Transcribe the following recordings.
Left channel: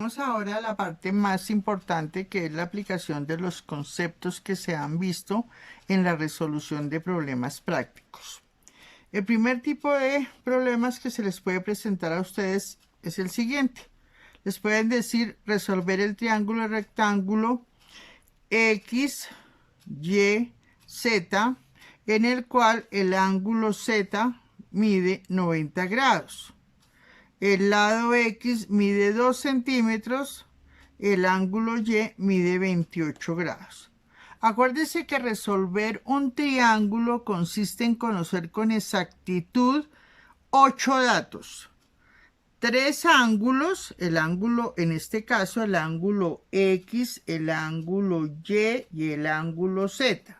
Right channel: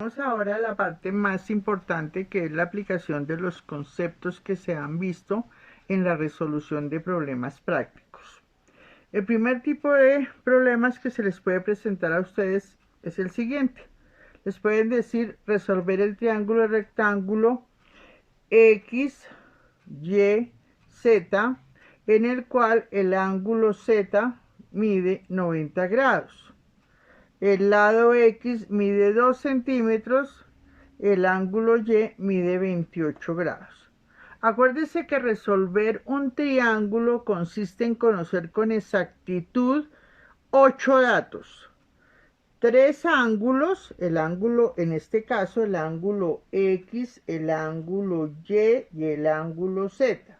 Vamos ahora a la parte más importante, que es la aplicación de los conceptos que se han visto en la resolución de problemas prácticos. El primer tipo de problemas que se les puede presentar a ustedes es el siguiente. Les pueden decir resolver el triángulo rectángulo X, Y, Z, en el cual el ángulo Z mide 90 grados. El lado X mide 2 centímetros, el ángulo Y mide 28 grados. Acuérdese que resolver un triángulo consiste en conocer con exactitud 8 datos. 3 ángulos, el ángulo, en este caso, el ángulo X, el ángulo Y el ángulo Z.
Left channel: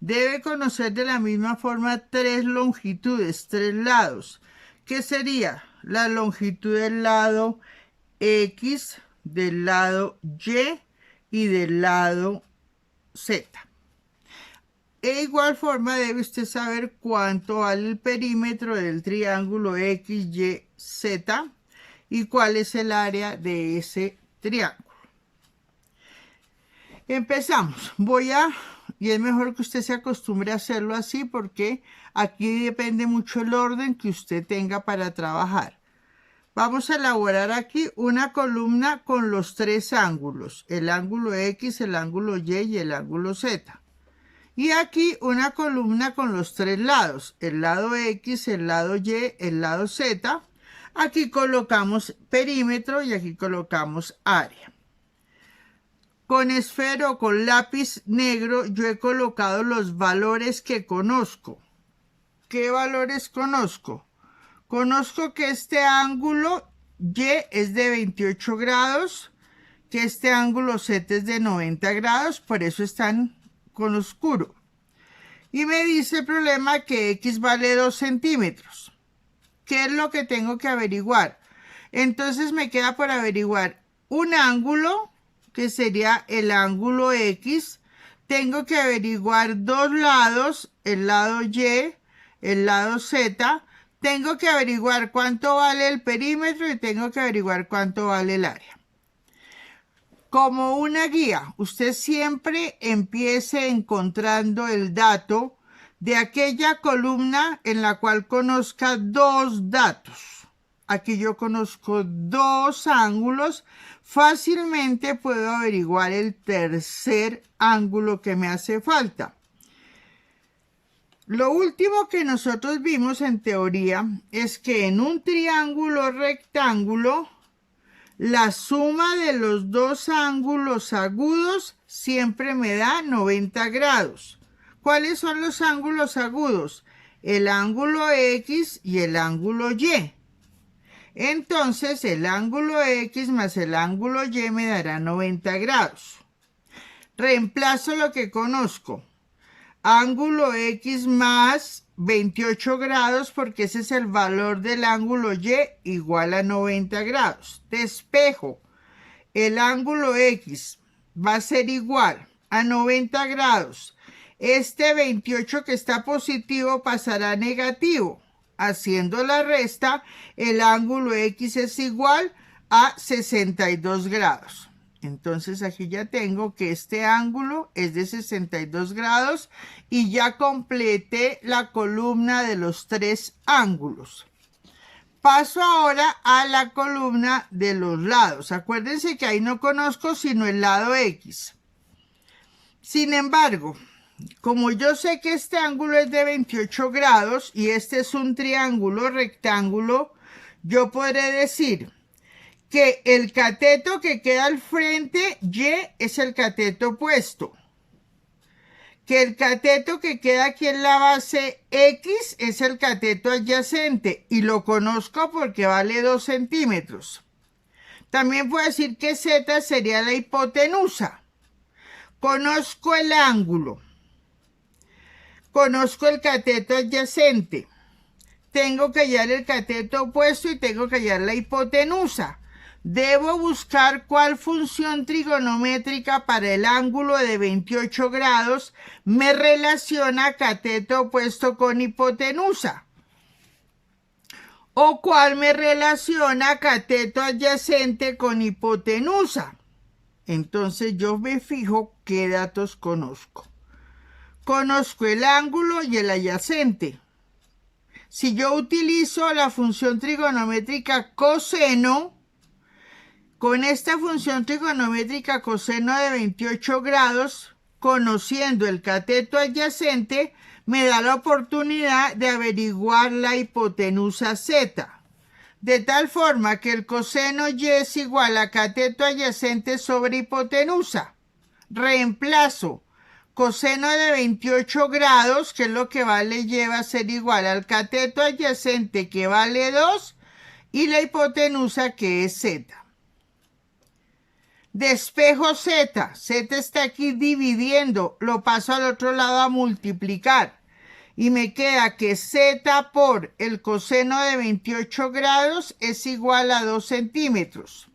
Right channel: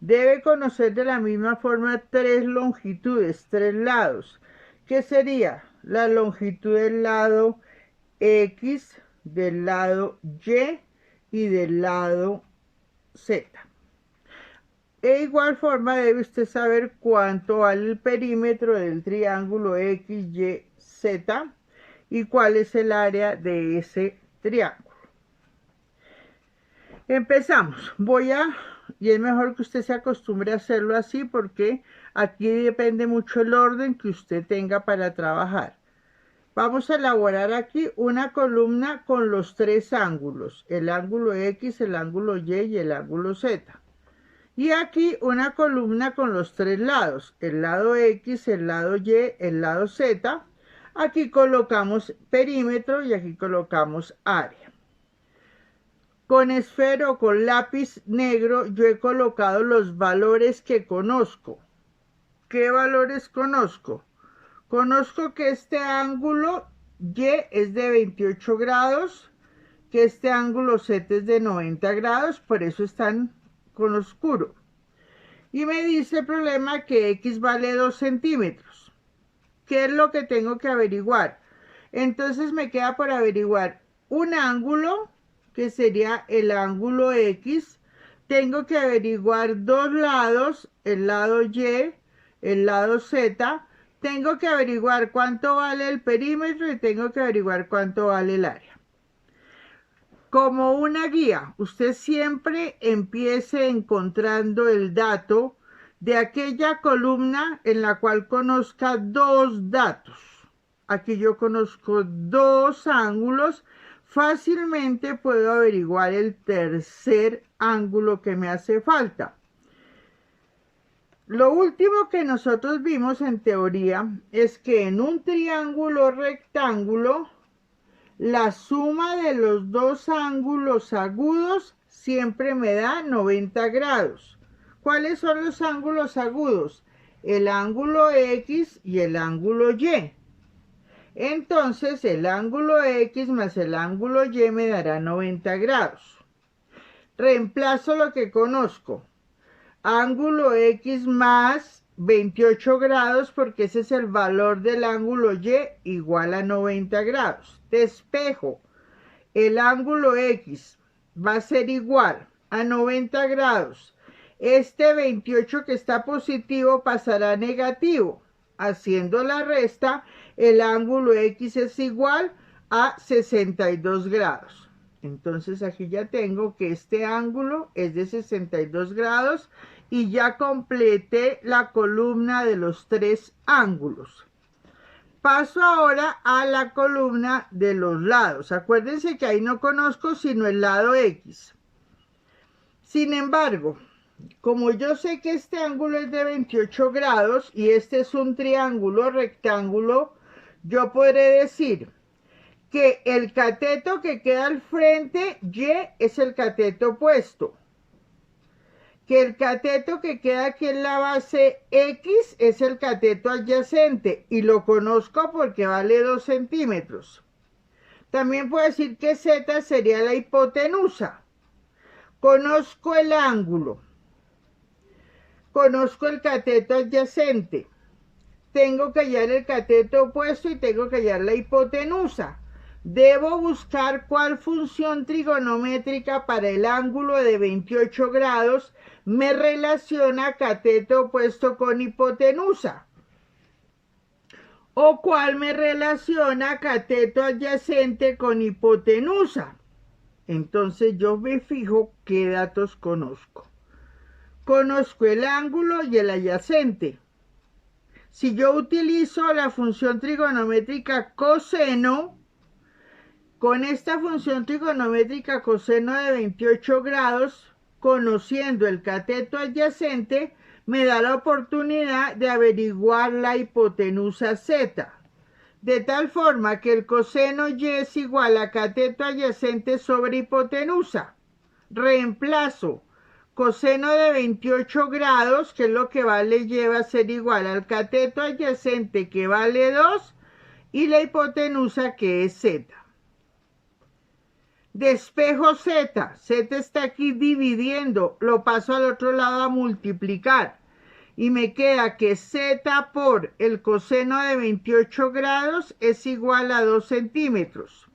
Debe conocer de la misma forma 3 longitudes, 3 lados, que sería la longitud del lado X, del lado Y del lado Z. De igual forma debe usted saber cuánto vale el perímetro del triángulo XYZ y cuál es el área de ese triángulo. Empezamos. Y es mejor que usted se acostumbre a hacerlo así, porque aquí depende mucho el orden que usted tenga para trabajar. Vamos a elaborar aquí una columna con los 3 ángulos, el ángulo X, el ángulo Y y el ángulo Z. Y aquí una columna con los 3 lados, el lado X, el lado Y, el lado Z. Aquí colocamos perímetro y aquí colocamos área. Con esfero o con lápiz negro yo he colocado los valores que conozco. ¿Qué valores conozco? Conozco que este ángulo Y es de 28 grados, que este ángulo Z es de 90 grados, por eso están con oscuro. Y me dice el problema que X vale 2 centímetros. ¿Qué es lo que tengo que averiguar? Entonces me queda por averiguar un ángulo, que sería el ángulo X. Tengo que averiguar 2 lados, el lado Y, el lado Z. Tengo que averiguar cuánto vale el perímetro y tengo que averiguar cuánto vale el área. Como una guía, usted siempre empiece encontrando el dato de aquella columna en la cual conozca 2 datos. Aquí yo conozco 2 ángulos. Fácilmente puedo averiguar el tercer ángulo que me hace falta. Lo último que nosotros vimos en teoría es que en un triángulo rectángulo, la suma de los 2 ángulos agudos siempre me da 90 grados. ¿Cuáles son los ángulos agudos? El ángulo X y el ángulo Y. Entonces el ángulo X más el ángulo Y me dará 90 grados. Reemplazo lo que conozco. Ángulo X más 28 grados, porque ese es el valor del ángulo Y, igual a 90 grados. Despejo. El ángulo X va a ser igual a 90 grados. Este 28 que está positivo pasará a negativo. Haciendo la resta, el ángulo X es igual a 62 grados. Entonces aquí ya tengo que este ángulo es de 62 grados y ya completé la columna de los 3 ángulos. Paso ahora a la columna de los lados. Acuérdense que ahí no conozco sino el lado X. Sin embargo, como yo sé que este ángulo es de 28 grados y este es un triángulo rectángulo, yo podré decir que el cateto que queda al frente, Y, es el cateto opuesto. Que el cateto que queda aquí en la base X es el cateto adyacente y lo conozco porque vale 2 centímetros. También puedo decir que Z sería la hipotenusa. Conozco el ángulo. Conozco el cateto adyacente. Tengo que hallar el cateto opuesto y tengo que hallar la hipotenusa. Debo buscar cuál función trigonométrica para el ángulo de 28 grados me relaciona cateto opuesto con hipotenusa. o cuál me relaciona cateto adyacente con hipotenusa. Entonces yo me fijo qué datos conozco. Conozco el ángulo y el adyacente. Si yo utilizo la función trigonométrica coseno, con esta función trigonométrica coseno de 28 grados, conociendo el cateto adyacente, me da la oportunidad de averiguar la hipotenusa z. De tal forma que el coseno y es igual a cateto adyacente sobre hipotenusa. Reemplazo coseno de 28 grados, que es lo que vale lleva a ser igual al cateto adyacente, que vale 2, y la hipotenusa, que es z. Despejo z. Z está aquí dividiendo, lo paso al otro lado a multiplicar. Y me queda que z por el coseno de 28 grados es igual a 2 centímetros.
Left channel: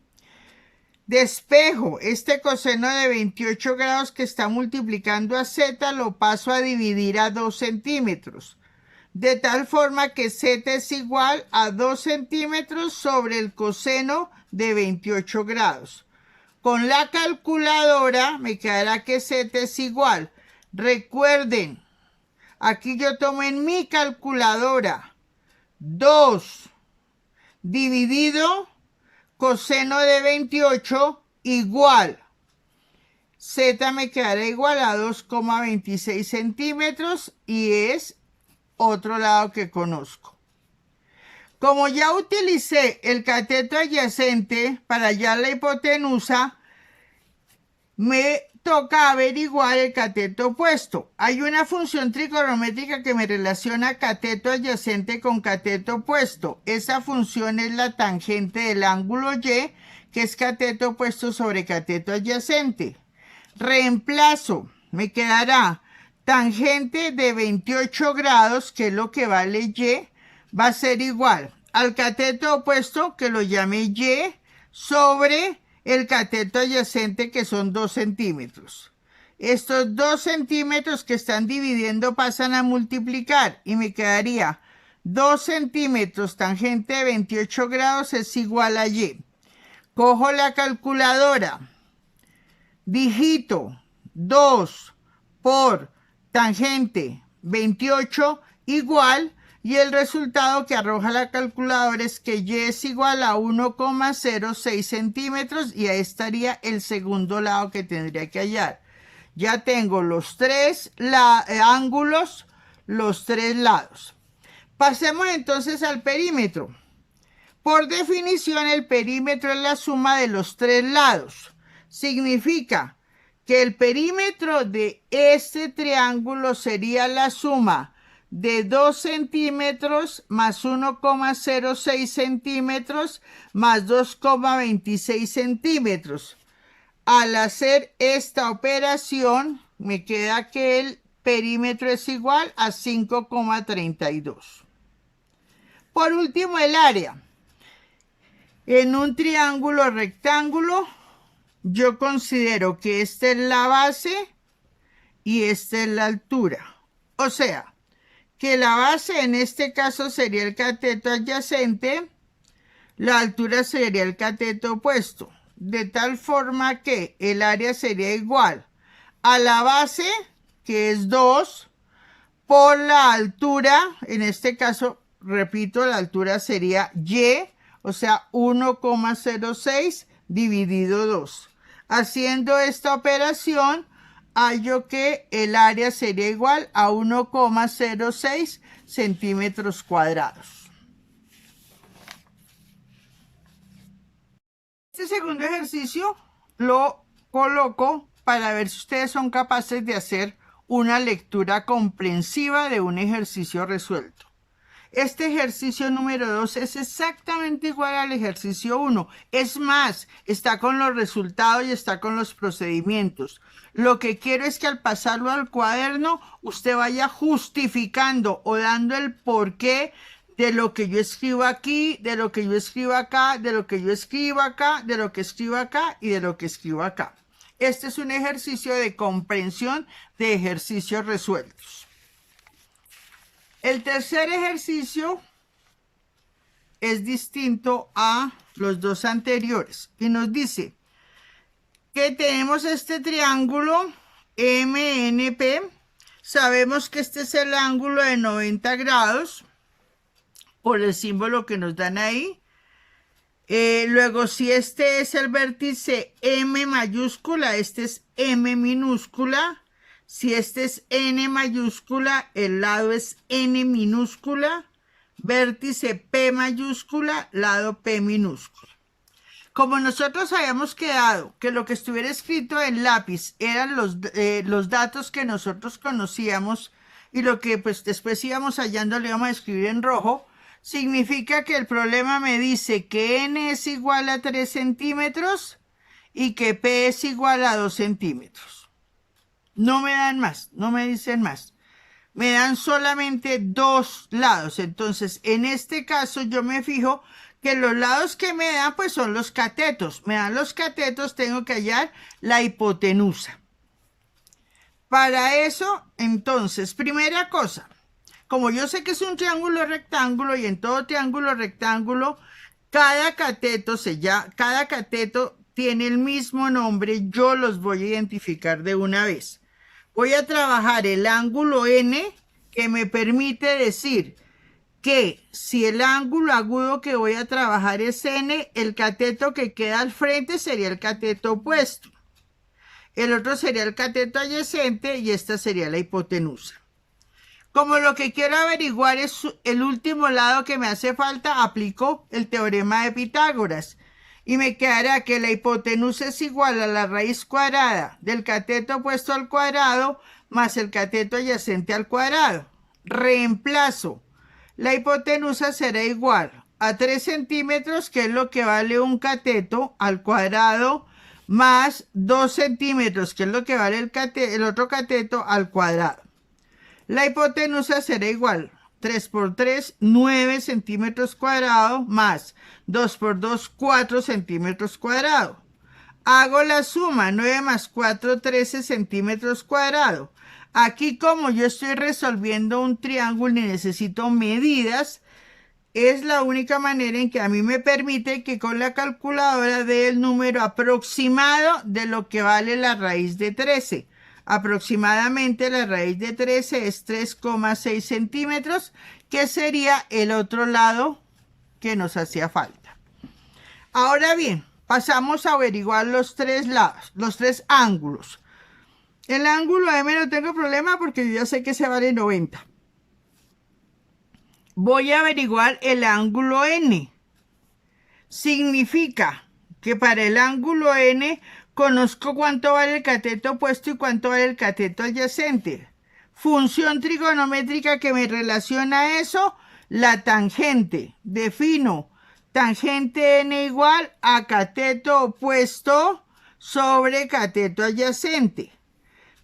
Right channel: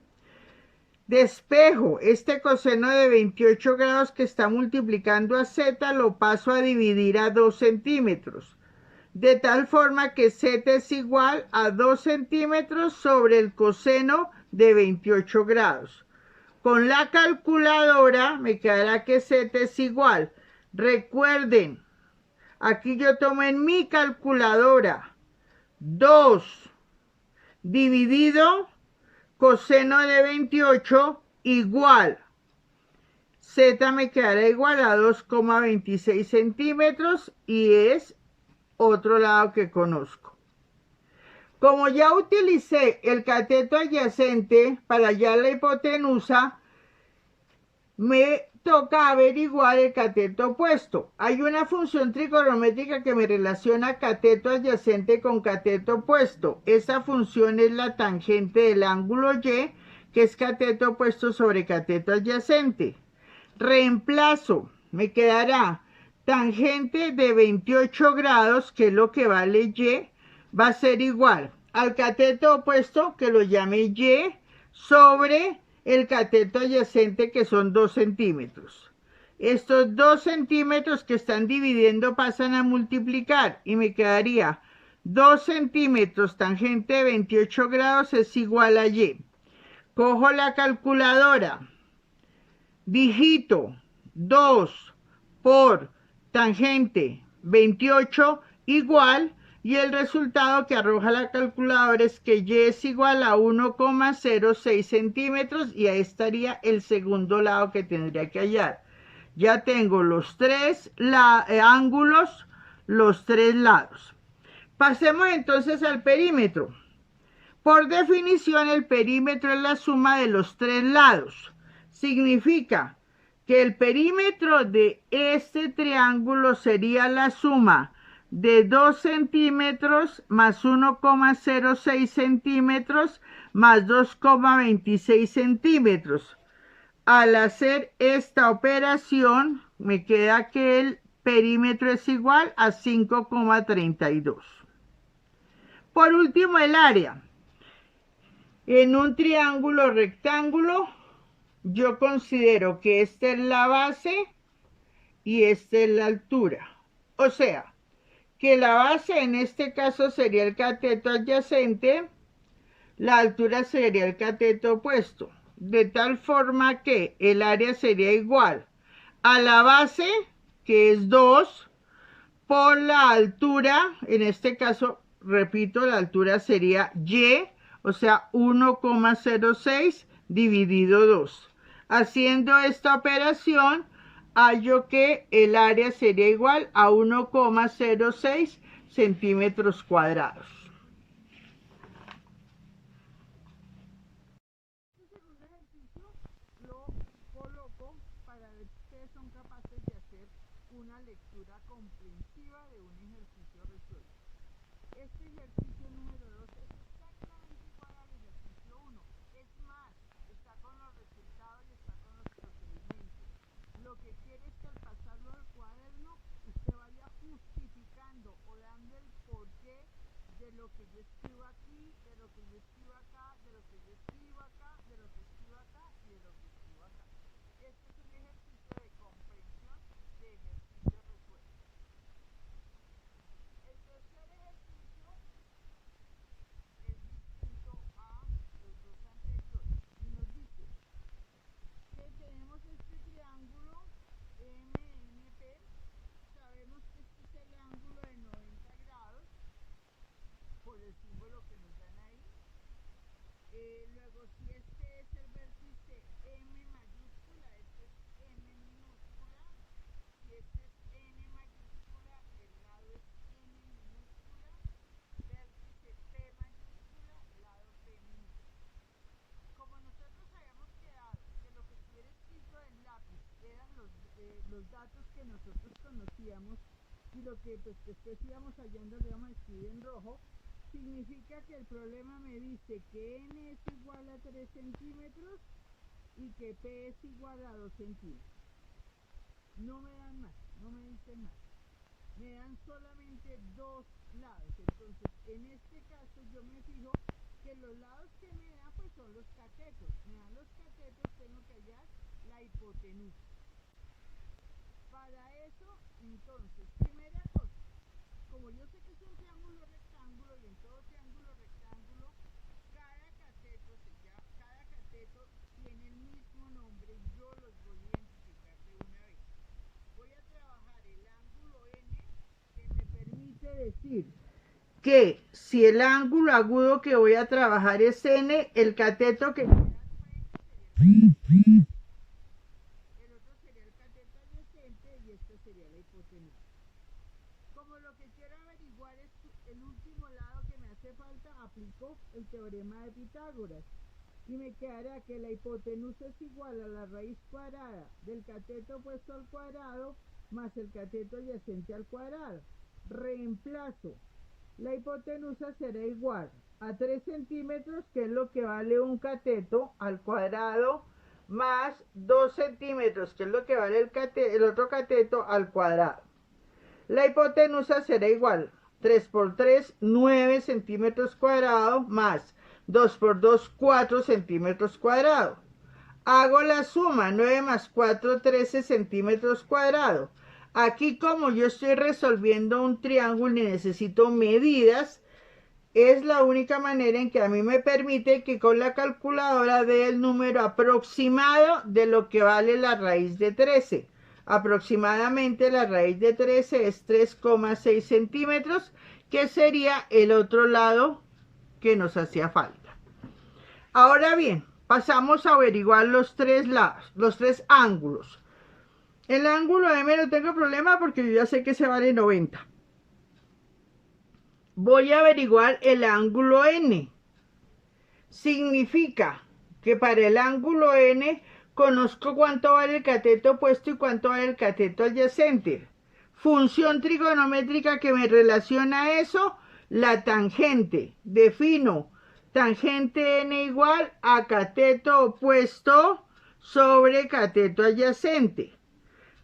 Despejo este coseno de 28 grados que está multiplicando a z, lo paso a dividir a 2 centímetros. De tal forma que z es igual a 2 centímetros sobre el coseno de 28 grados. Con la calculadora me quedará que z es igual. Recuerden, aquí yo tomo en mi calculadora 2 dividido coseno de 28 igual. Z me quedará igual a 2,26 centímetros y es otro lado que conozco. Como ya utilicé el cateto adyacente para hallar la hipotenusa, me toca averiguar el cateto opuesto. Hay una función trigonométrica que me relaciona cateto adyacente con cateto opuesto. Esa función es la tangente del ángulo y, que es cateto opuesto sobre cateto adyacente. Reemplazo, me quedará tangente de 28 grados, que es lo que vale y, va a ser igual al cateto opuesto, que lo llame y, sobre el cateto adyacente, que son 2 centímetros. Estos 2 centímetros que están dividiendo pasan a multiplicar y me quedaría 2 centímetros tangente de 28 grados es igual a y. Cojo la calculadora, digito 2 por tangente 28 igual, y el resultado que arroja la calculadora es que y es igual a 1,06 centímetros, y ahí estaría el segundo lado que tendría que hallar. Ya tengo los tres ángulos, los tres lados. Pasemos entonces al perímetro. Por definición, el perímetro es la suma de los tres lados. Significa que el perímetro de este triángulo sería la suma de 2 centímetros más 1,06 centímetros más 2,26 centímetros. Al hacer esta operación, me queda que el perímetro es igual a 5,32. Por último, el área. En un triángulo rectángulo, yo considero que esta es la base y esta es la altura. O sea, que la base en este caso sería el cateto adyacente, la altura sería el cateto opuesto, de tal forma que el área sería igual a la base, que es 2, por la altura. En este caso, repito, la altura sería y, o sea, 1,06 dividido 2. Haciendo esta operación, hallo que el área sería igual a 1,06 centímetros cuadrados. Este segundo ejercicio lo coloco para ver si ustedes son capaces de hacer una lectura comprensiva de un ejercicio resuelto. Este ejercicio número 2 es exactamente igual al ejercicio 1. Es más, está con los resultados y está con los procedimientos. Lo que quiero es que al pasarlo al cuaderno, usted vaya justificando o dando el porqué de lo que yo escribo aquí, de lo que yo escribo acá, de lo que yo escribo acá, de lo que escribo acá y de lo que escribo acá. Este es un ejercicio de comprensión de ejercicios resueltos. El tercer ejercicio es distinto a los dos anteriores. Y nos dice que tenemos este triángulo MNP. Sabemos que este es el ángulo de 90 grados por el símbolo que nos dan ahí. Luego, si este es el vértice M mayúscula, este es M minúscula. Si este es N mayúscula, el lado es N minúscula. Vértice P mayúscula, lado P minúscula. Como nosotros habíamos quedado que lo que estuviera escrito en lápiz eran los datos que nosotros conocíamos y lo que pues después íbamos hallando le íbamos a escribir en rojo, significa que el problema me dice que N es igual a 3 centímetros y que P es igual a 2 centímetros. No me dan más, no me dicen más. Me dan solamente dos lados. Entonces, en este caso yo me fijo que los lados que me dan pues son los catetos. Me dan los catetos, tengo que hallar la hipotenusa. Para eso, entonces, primera cosa, como yo sé que es un triángulo rectángulo y en todo triángulo rectángulo, cada cateto tiene el mismo nombre, yo los voy a identificar de una vez. Voy a trabajar el ángulo N, que me permite decir que si el ángulo agudo que voy a trabajar es N, el cateto que queda al frente sería el cateto opuesto. El otro sería el cateto adyacente y esta sería la hipotenusa. Como lo que quiero averiguar es el último lado que me hace falta, aplico el teorema de Pitágoras. Y me quedará que la hipotenusa es igual a la raíz cuadrada del cateto opuesto al cuadrado más el cateto adyacente al cuadrado. Reemplazo. La hipotenusa será igual a 3 centímetros, que es lo que vale un cateto al cuadrado, más 2 centímetros, que es lo que vale el otro cateto al cuadrado. La hipotenusa será igual 3 por 3, 9 centímetros cuadrados, más 2 por 2, 4 centímetros cuadrados. Hago la suma, 9 más 4, 13 centímetros cuadrados. Aquí, como yo estoy resolviendo un triángulo y necesito medidas, es la única manera en que a mí me permite que con la calculadora dé el número aproximado de lo que vale la raíz de 13. Aproximadamente la raíz de 13 es 3,6 centímetros, que sería el otro lado que nos hacía falta. Ahora bien, pasamos a averiguar los tres lados, los tres ángulos. El ángulo M no tengo problema porque yo ya sé que se vale 90. Voy a averiguar el ángulo N. Significa que para el ángulo N conozco cuánto vale el cateto opuesto y cuánto vale el cateto adyacente. Función trigonométrica que me relaciona a eso, la tangente. Defino tangente N igual a cateto opuesto sobre cateto adyacente.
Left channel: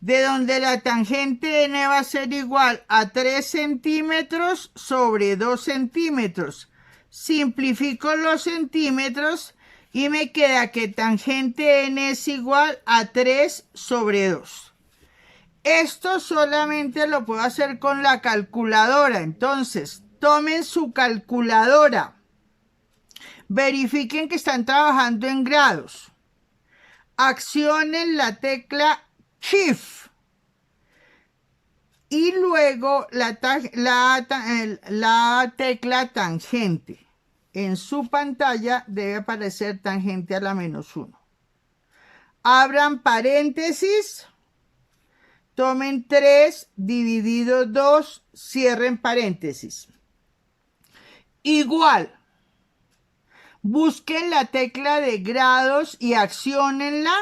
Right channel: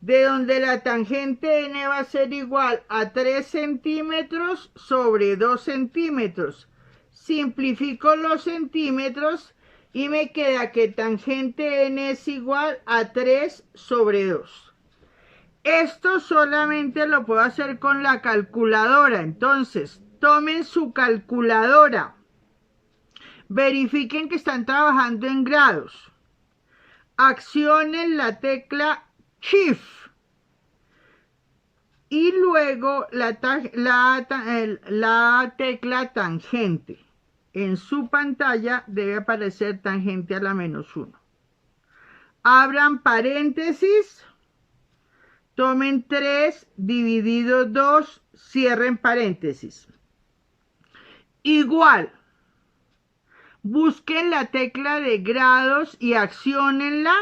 De donde la tangente N va a ser igual a 3 centímetros sobre 2 centímetros. Simplifico los centímetros y me queda que tangente N es igual a 3 sobre 2. Esto solamente lo puedo hacer con la calculadora. Entonces, tomen su calculadora. Verifiquen que están trabajando en grados. Accionen la tecla Shift. Y luego la tecla tangente. En su pantalla debe aparecer tangente a la -1. Abran paréntesis. Tomen 3 dividido 2. Cierren paréntesis. Igual. Busquen la tecla de grados y acciónenla.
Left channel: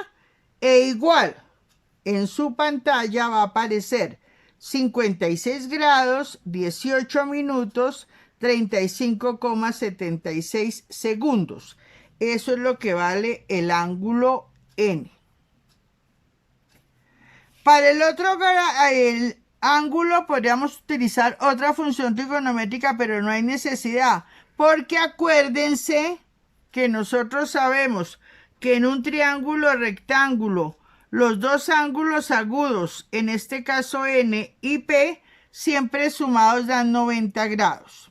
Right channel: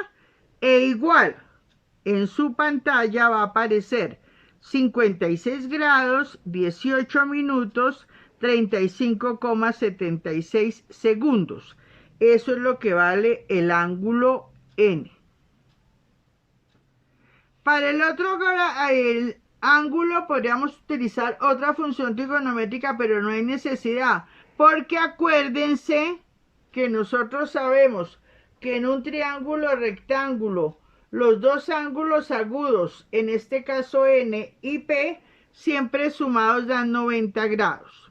E igual. En su pantalla va a aparecer 56 grados, 18 minutos, 35,76 segundos. Eso es lo que vale el ángulo N. Para el otro ángulo podríamos utilizar otra función trigonométrica, pero no hay necesidad, porque acuérdense que nosotros sabemos que en un triángulo rectángulo los dos ángulos agudos, en este caso N y P, siempre sumados dan 90 grados.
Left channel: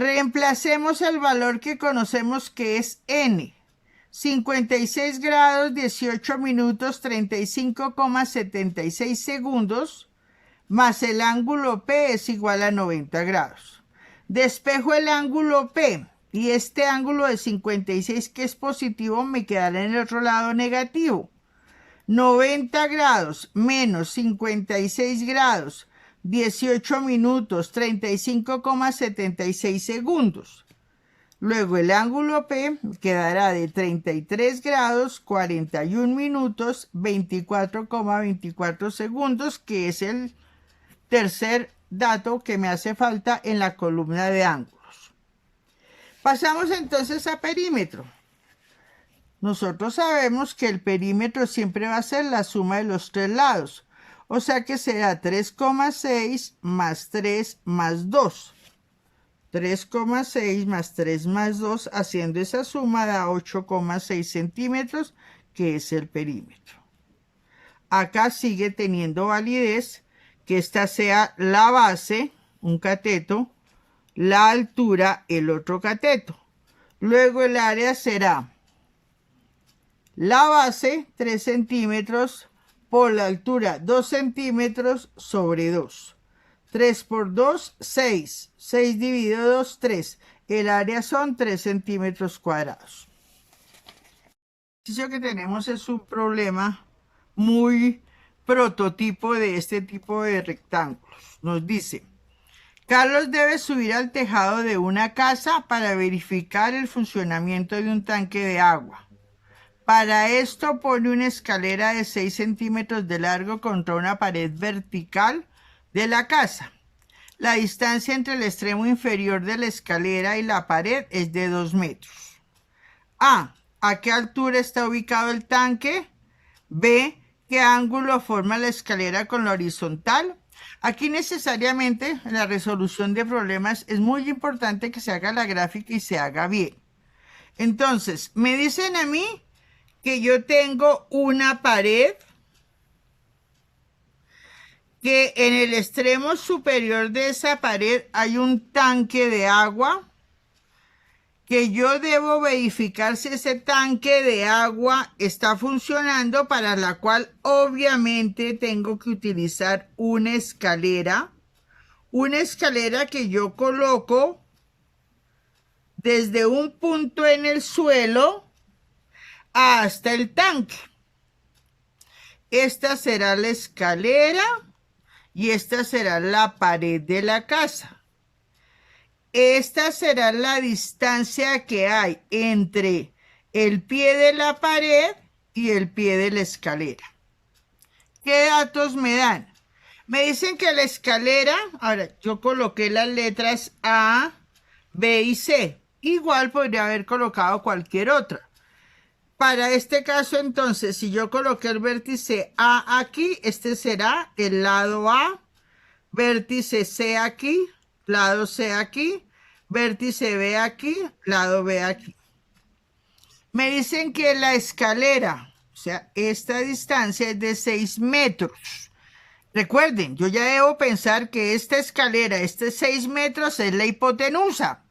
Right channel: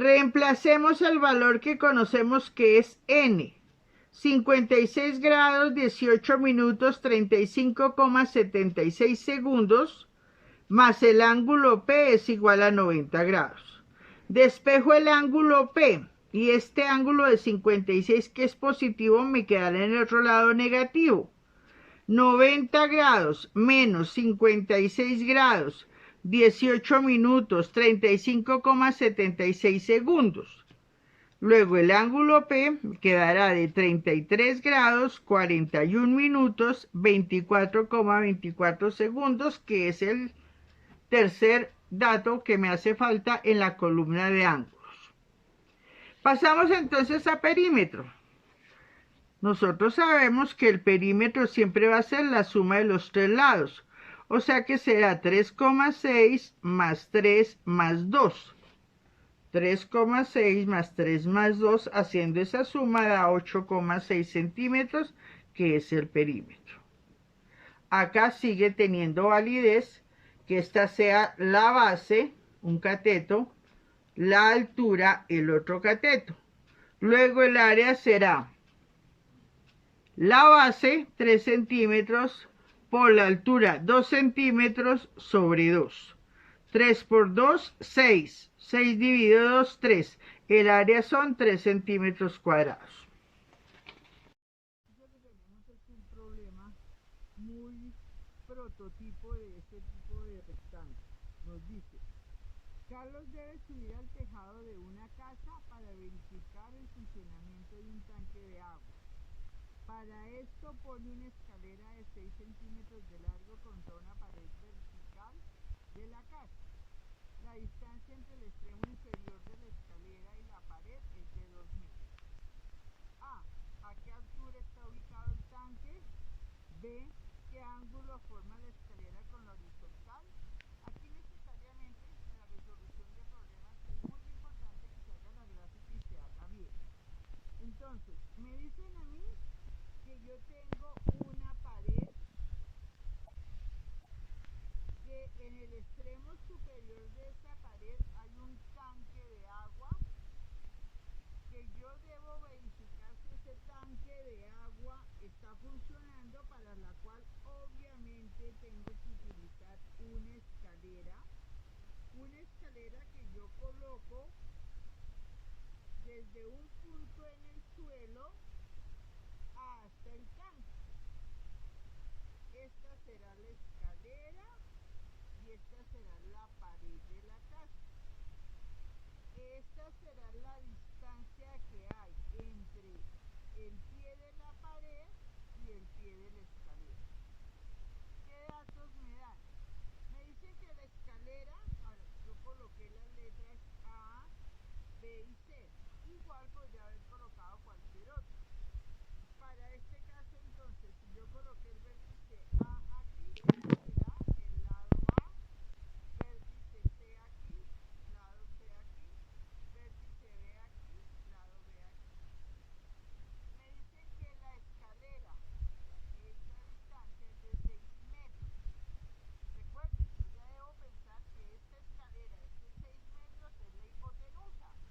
Reemplacemos el valor que conocemos que es n. 56 grados, 18 minutos, 35,76 segundos, más el ángulo P es igual a 90 grados. Despejo el ángulo P y este ángulo de 56 que es positivo me quedará en el otro lado negativo. 90 grados menos 56 grados, 18 minutos, 35,76 segundos. Luego el ángulo P quedará de 33 grados, 41 minutos, 24,24 segundos, que es el tercer dato que me hace falta en la columna de ángulos. Pasamos entonces a perímetro. Nosotros sabemos que el perímetro siempre va a ser la suma de los tres lados. O sea que será 3,6 más 3 más 2. 3,6 más 3 más 2, haciendo esa suma da 8,6 centímetros, que es el perímetro. Acá sigue teniendo validez que esta sea la base, un cateto, la altura, el otro cateto. Luego el área será la base, 3 centímetros, por la altura, 2 centímetros sobre 2. 3 por 2, 6. 6 dividido 2, 3. El área son 3 centímetros cuadrados. El ejercicio que tenemos es un problema muy prototipo de este tipo de rectángulos. Nos dice, Carlos debe subir al tejado de una casa para verificar el funcionamiento de un tanque de agua. Para esto pone una escalera de 6 centímetros de largo contra una pared vertical de la casa. La distancia entre el extremo inferior de la escalera y la pared es de 2 metros. A. ¿A qué altura está ubicado el tanque? B. ¿Qué ángulo forma la escalera con la horizontal? Aquí necesariamente en la resolución de problemas es muy importante que se haga la gráfica y se haga bien. Entonces, me dicen a mí que yo tengo una pared que en el extremo superior de esa pared hay un tanque de agua, que yo debo verificar si ese tanque de agua está funcionando, para la cual obviamente tengo que utilizar una escalera que yo coloco desde un punto en el suelo hasta el tanque. Esta será la escalera y esta será la pared de la casa. Esta será la distancia que hay entre el pie de la pared y el pie de la escalera. ¿Qué datos me dan? Me dicen que la escalera, ahora yo coloqué las letras A, B y C. Igual podría haber colocado cualquier otra. Para este caso, entonces, si yo coloqué el vértice A aquí, este será el lado A, vértice C aquí, lado C aquí, vértice B aquí, lado B aquí. Me dicen que la escalera, o sea, esta distancia es de 6 metros. Recuerden, yo ya debo pensar que esta escalera, 6 metros, es la hipotenusa.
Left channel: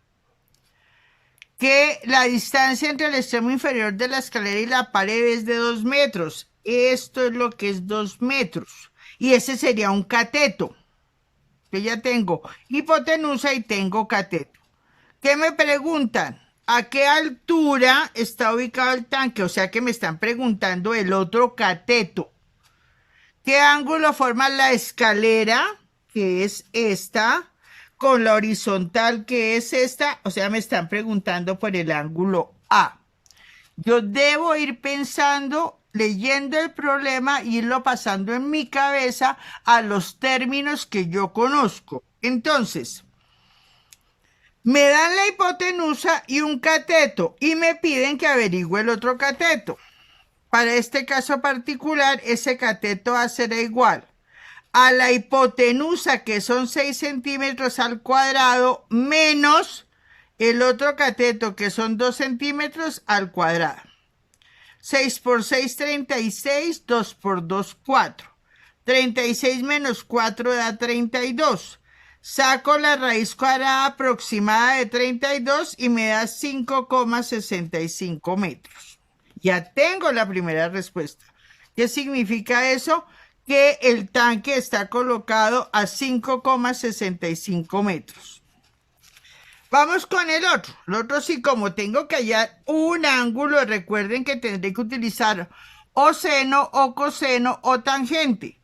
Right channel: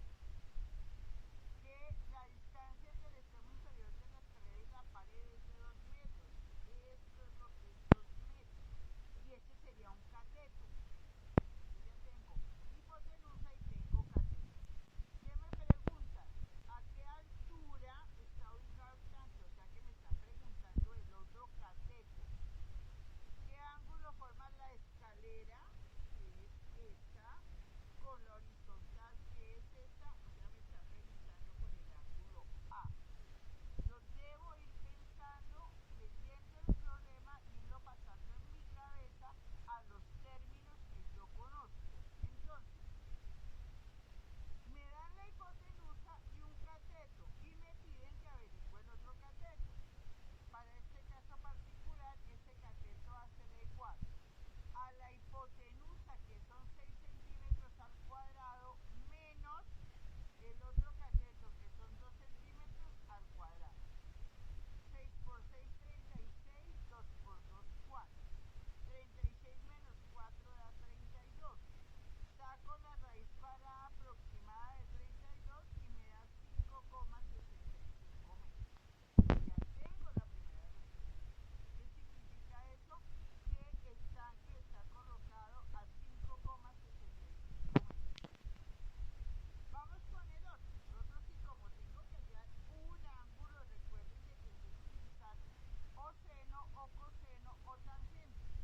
Que la distancia entre el extremo inferior de la escalera y la pared es de 2 metros. Esto es lo que es 2 metros. Y ese sería un cateto. Yo ya tengo hipotenusa y tengo cateto. ¿Qué me preguntan? ¿A qué altura está ubicado el tanque? O sea que me están preguntando el otro cateto. ¿Qué ángulo forma la escalera? Que es esta. Con la horizontal, que es esta, o sea, me están preguntando por el ángulo A. Yo debo ir pensando, leyendo el problema, irlo pasando en mi cabeza a los términos que yo conozco. Entonces, me dan la hipotenusa y un cateto y me piden que averigüe el otro cateto. Para este caso particular, ese cateto A será igual a la hipotenusa, que son 6 centímetros al cuadrado, menos el otro cateto, que son 2 centímetros al cuadrado. 6 por 6, 36, 2 por 2, 4. 36 menos 4 da 32. Saco la raíz cuadrada aproximada de 32 y me da 5,65 metros. Ya tengo la primera respuesta. ¿Qué significa eso? Que el tanque está colocado a 5,65 metros. Vamos con el otro. El otro sí, como tengo que hallar un ángulo, recuerden que tendré que utilizar o seno, o coseno, o tangente.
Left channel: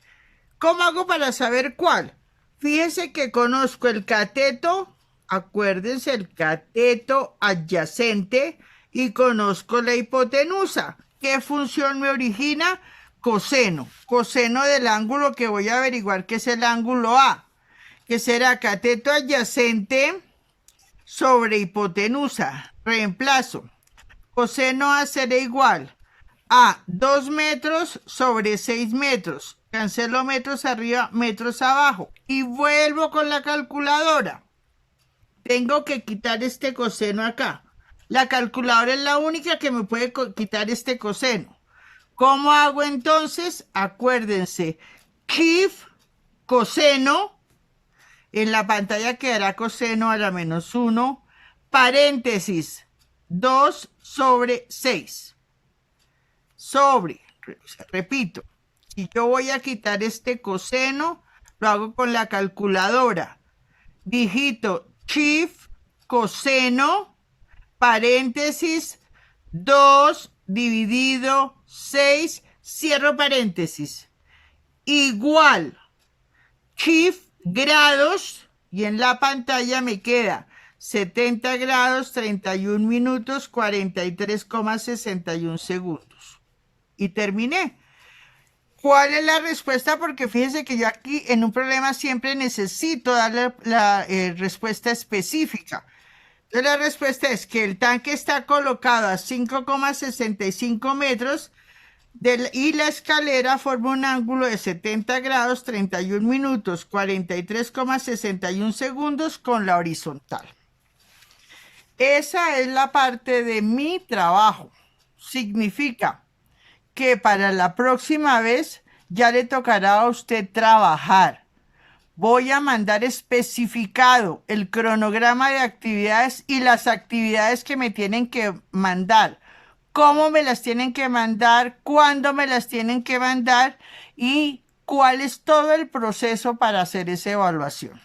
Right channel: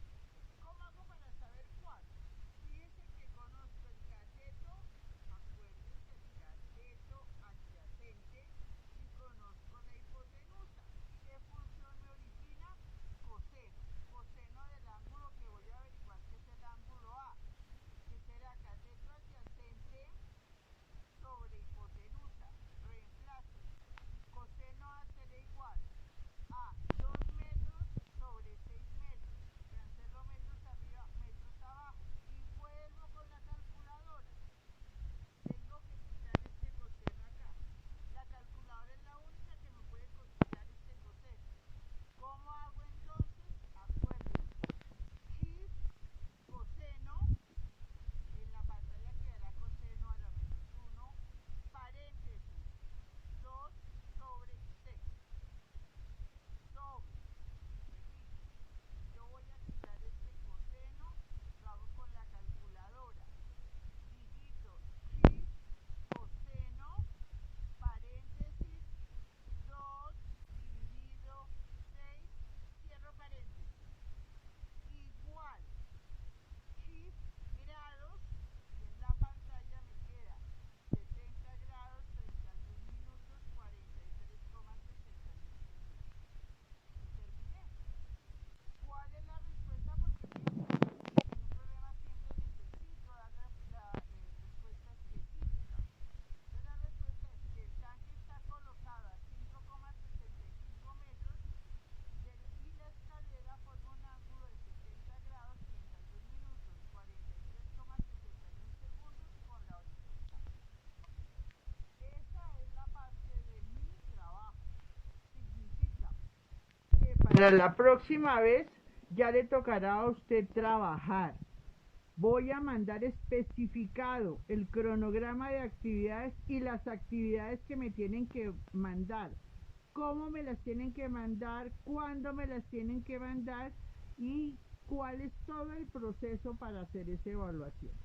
¿Cómo hago para saber cuál? Fíjense que conozco el cateto, acuérdense, el cateto adyacente, y conozco la hipotenusa. ¿Qué función me origina? Coseno. Coseno del ángulo que voy a averiguar que es el ángulo A, que será cateto adyacente sobre hipotenusa. Reemplazo. Coseno A será igual a 2 metros sobre 6 metros. Cancelo metros arriba, metros abajo. Y vuelvo con la calculadora. Tengo que quitar este coseno acá. La calculadora es la única que me puede quitar este coseno. ¿Cómo hago entonces? Acuérdense, KIF, coseno, en la pantalla quedará coseno a la menos 1, paréntesis, 2 sobre 6. Sobre, repito, si yo voy a quitar este coseno, lo hago con la calculadora. Digito KIF, coseno, paréntesis, 2 dividido 6, cierro paréntesis, igual KIF grados, y en la pantalla me queda 70 grados, 31 minutos, 43,61 segundos. Y terminé. ¿Cuál es la respuesta? Porque fíjense que yo aquí en un problema siempre necesito darle la respuesta específica. Entonces la respuesta es que el tanque está colocado a 5,65 metros y la escalera forma un ángulo de 70 grados, 31 minutos, 43,61 segundos con la horizontal. Esa es la parte de mi trabajo. Significa que para la próxima vez ya le tocará a usted trabajar. Voy a mandar especificado el cronograma de actividades y las actividades que me tienen que mandar, cómo me las tienen que mandar, cuándo me las tienen que mandar y cuál es todo el proceso para hacer esa evaluación.